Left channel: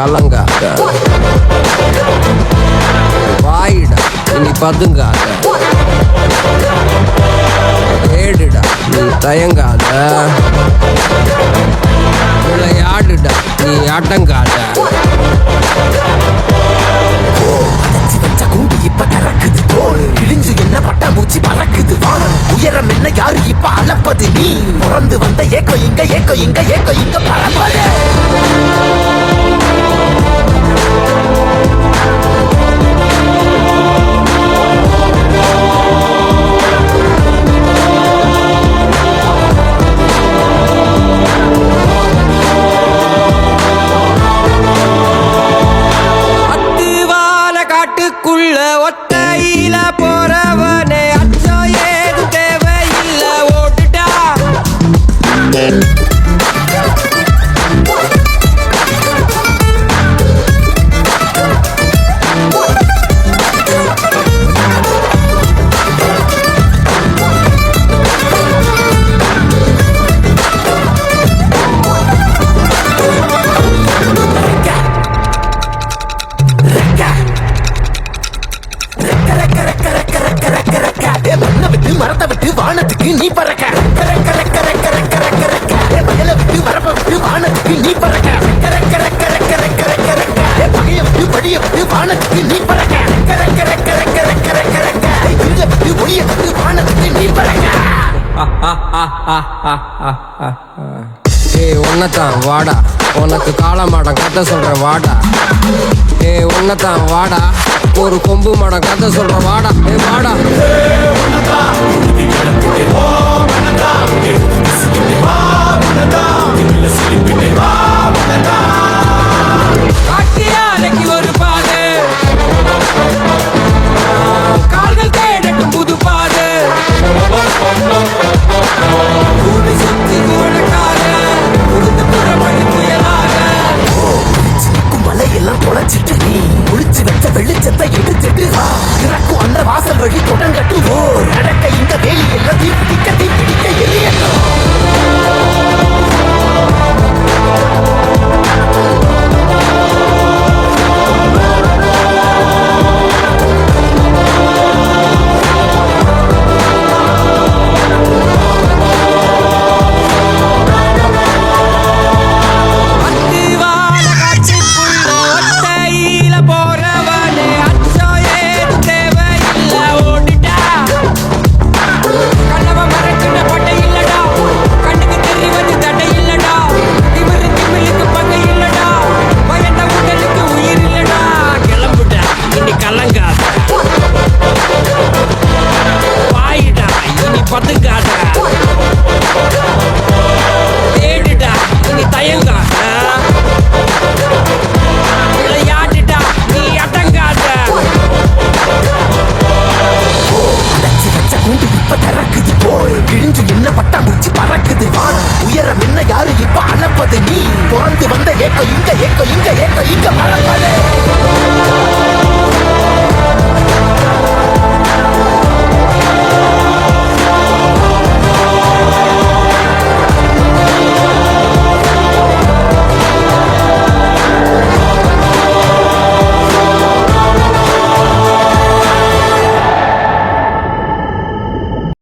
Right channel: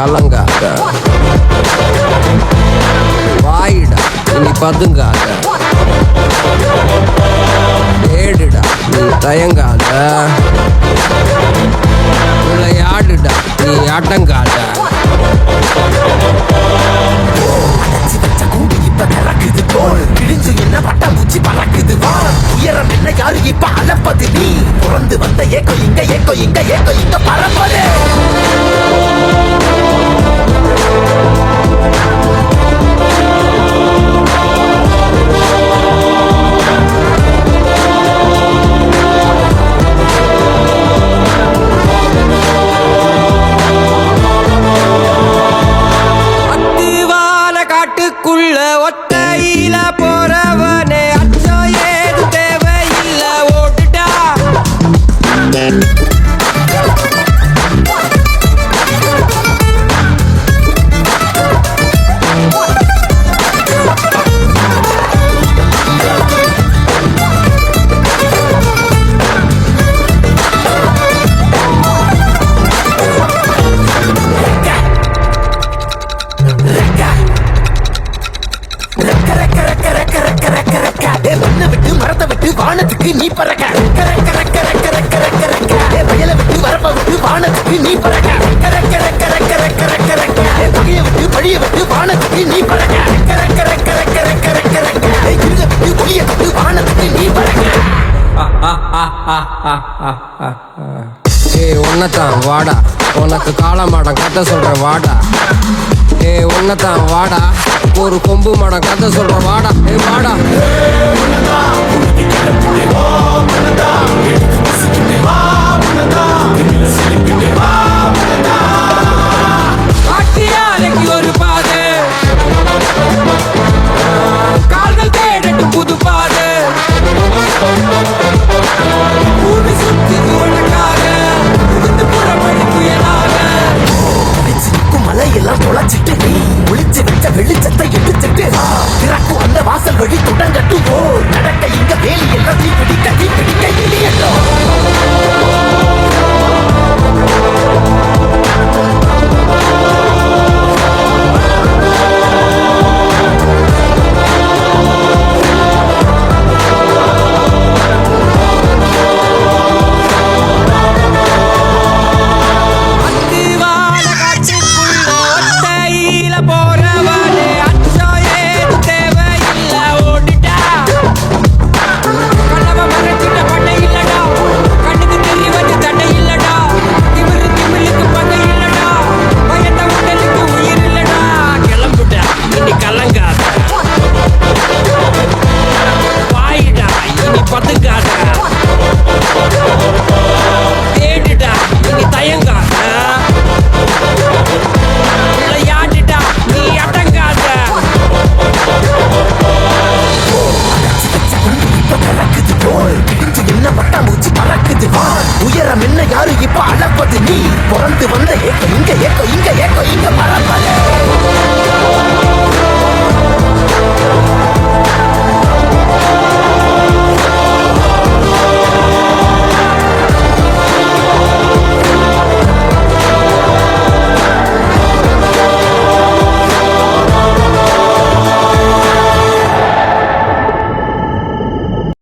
கலங்காத. வாயிடா இனி பதுங்காத. தேடுடா நீ தயங்காத. விளையாடுடா நீ அடங்காத. காட்டுக்குள்ள ஒத்தையில போறவனே அச்சம் ஏது தேவையில்ல ஓட்டுடா. உன்னதான் வாடா உனக்கு காளமாடம் கதை சொல்ற வாடா. உன்னதான் வாடா ஒரு கொம்பு மாடம் கதை சொல்ற வாடா. வாடா ஒரு பாதை கால்கள் தேடட்டும் புது பாதை. பூமி சுத்தி உனக்காக புகுந்து புறப்படி புயலாக. மலையெல்லாம் தொலைச்சிட்டு நீ ஒளிச்சு வச்ச வெளிச்சத்தை எடுத்துட்டு இறக்கும் அந்த வாசல் வழி தொடங்கட்டு. நடக்க இங்க வேலி எல்லாம் பிடிக்க எரியட்டும். பதுங்காத.